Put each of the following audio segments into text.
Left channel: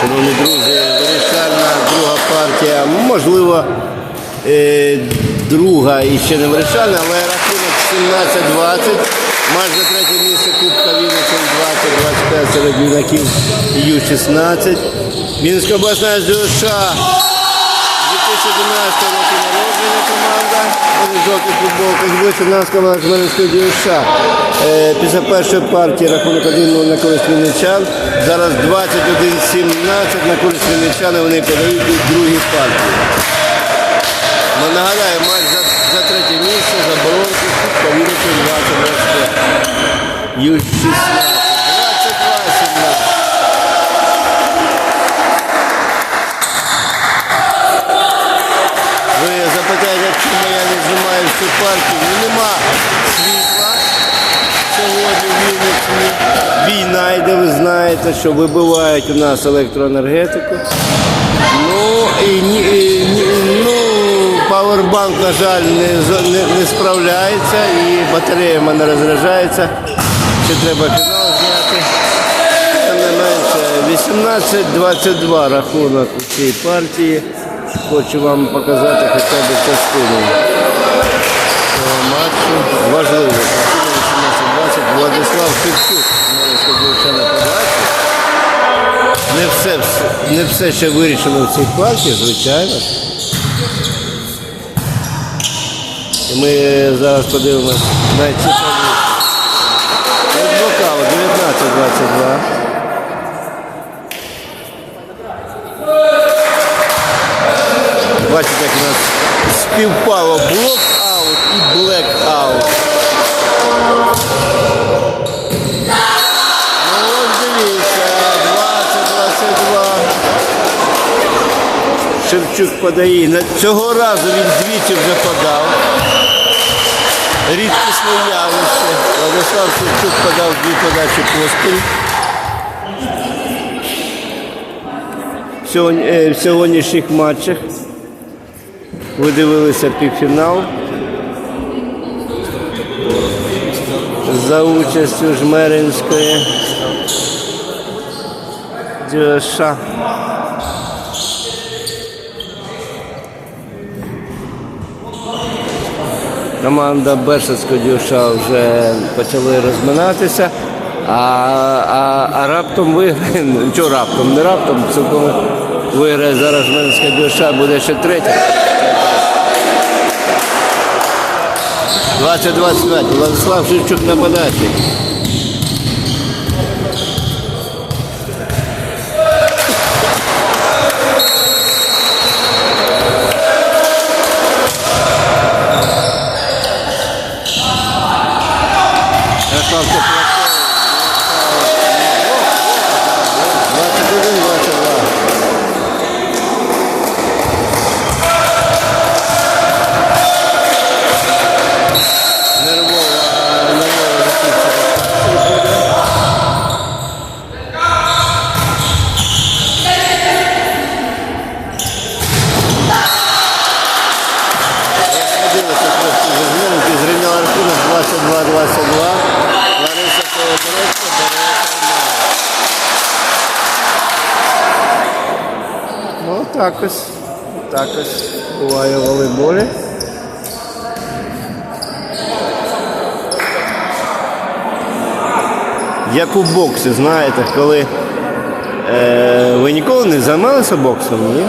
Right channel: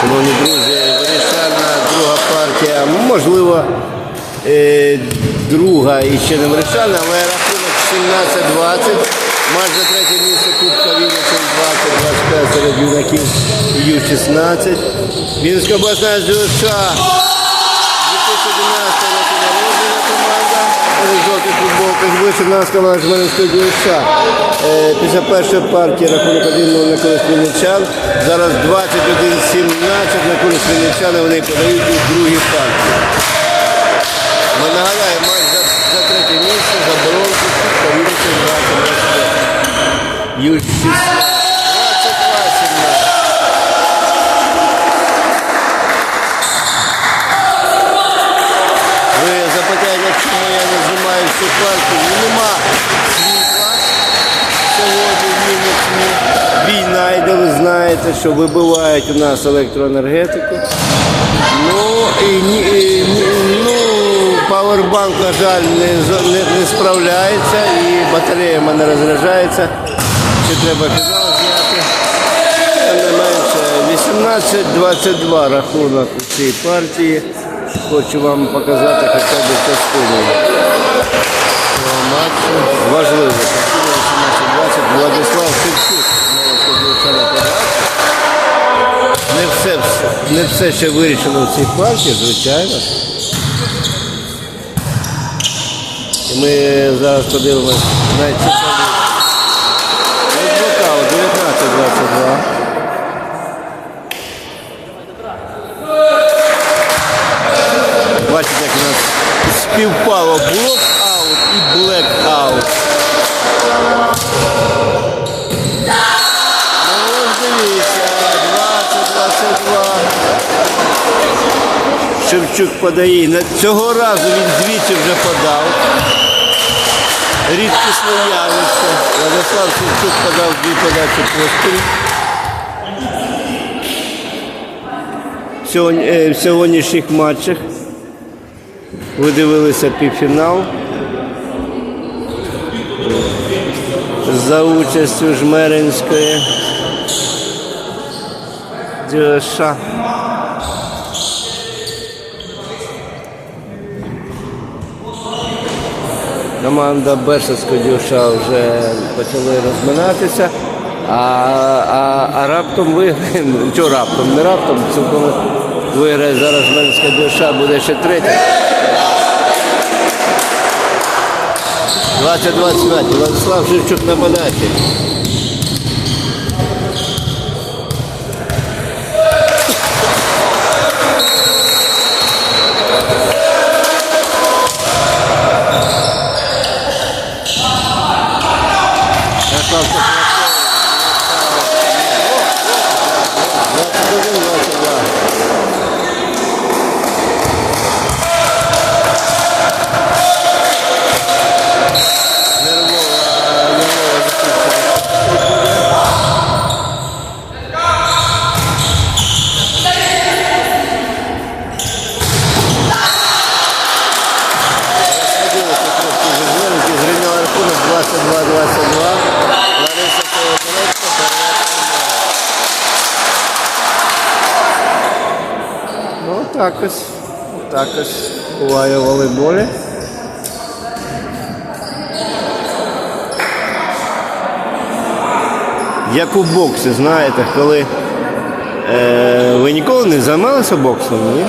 Шановні друзі, вирішальна друга партія. Можливо, е, друга і ще не вирішальна, але рахунок 17-20. Матч за третє місце Кубка Вінниці 20-25 серед юнаків Ю-16. Вінницька обласна ЗШ 2011 року народження команда. Вони в жовтих футболках вище нас команда. Е, Після першої партії рахунок 1-0 на користь Вінничан. Зараз 21-17 на користь і вони подають і другі партії. Ми нагадаємо, матч за, за третє місце, за боронку, Кубка 20-25. Ю-16. 22-17. Ви запитаєте, чому я не всю партію? Ну, нема світла сьогодні в Вінниці. Війна йде, ви знаєте, що вибивають у нас електроенергетику. Ну і, і ну, павербанк, на жаль, не, не, не справляється і батарея в мене розряджається. Ще треба фінал зняти. Тим не менше, 18-22 рахунок у цій партії. Хочу вам показати хоча б частину. Важливо. Частина 18-20. Владислав Шевчук. Навіть на подачі. Не все, не все ще вирішено в цій партії, звичайно. І ми зараз подивимось найцікавіше. Ось блокаут 19-22. Бачите, як у нас співпало блок-аут і блек-аут. Ну ось дивіться, 20-22. Шевчук подає. Цього разу він двічі вже подав. Рідкісне явище. Владислав Шевчук подав дві подачі поспіль. В е, сьогоднішніх матчах ви дивилися півфінал. За участю Жмеринської. Дюша. Команда Бешевського дюша вже почали розминатися, а, а, а раптом виграє, що раптом, не раптом, цілком виграє зараз Жмеринська дюша, буде ще третя. 20-25. Владислав Шевчук на подачі. Ярослав Теплаков. 21-22. 22-22. Лариса Колодорецька бере таймаут. Ну, так ось. Так ось буває волейболі. Як у боксі, знаєте, коли е, ви ніколи не займалися боксом, ні?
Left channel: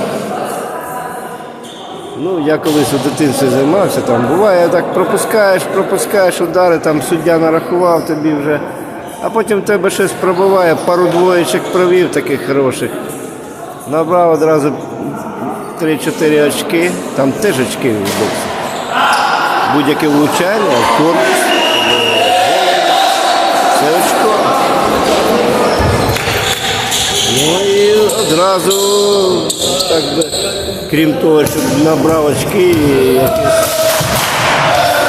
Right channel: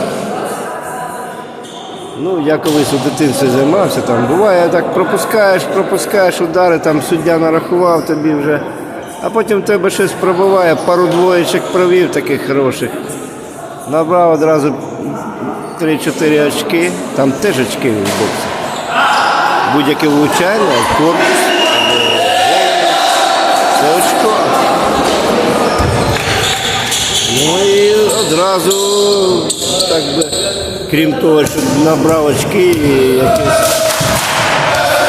Ну, я колись у дитинстві займався, там буває так пропускаєш, пропускаєш удари, там суддя нарахував тобі вже, а потім в тебе щось пробиває, пару двоєчок провів таких хороших. Набрав одразу 3-4 очки, там теж очки в боксі. Будь-яке влучання, корпус. Це очко. Ну і одразу, так би, крім того, щоб набрав очки, і якесь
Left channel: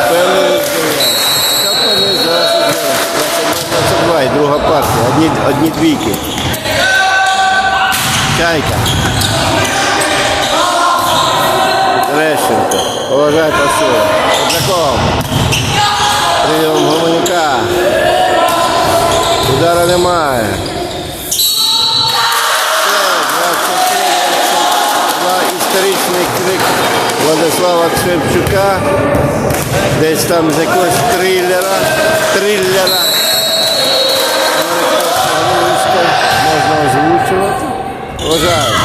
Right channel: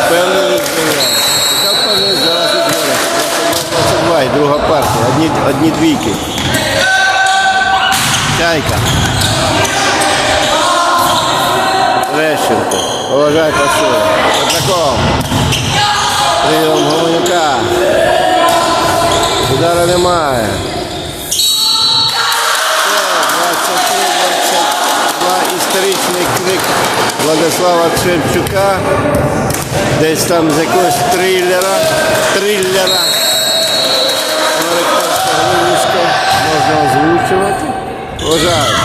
певне здоров'я. Така впевненість зараз у мене. 22 і друга партія, одні, одні двійки. Чайка. Терещенко. Поважай пасує. Петраков. Прийом Гомонюка. Удара немає. Все, історичний Владислава Шевчука. Десь там з якогось трилера. Трилера. Американського війська можна озвучувати. Вважаю.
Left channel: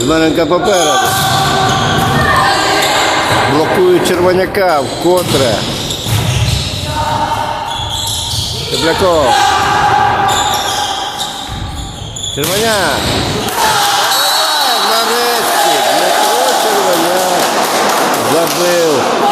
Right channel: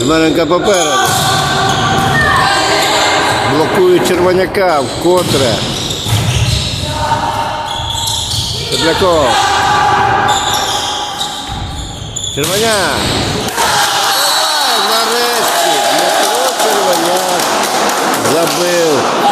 Змеренка попереду. Блокують червоняка вкотре. Тепляков. Червоня. Zabel.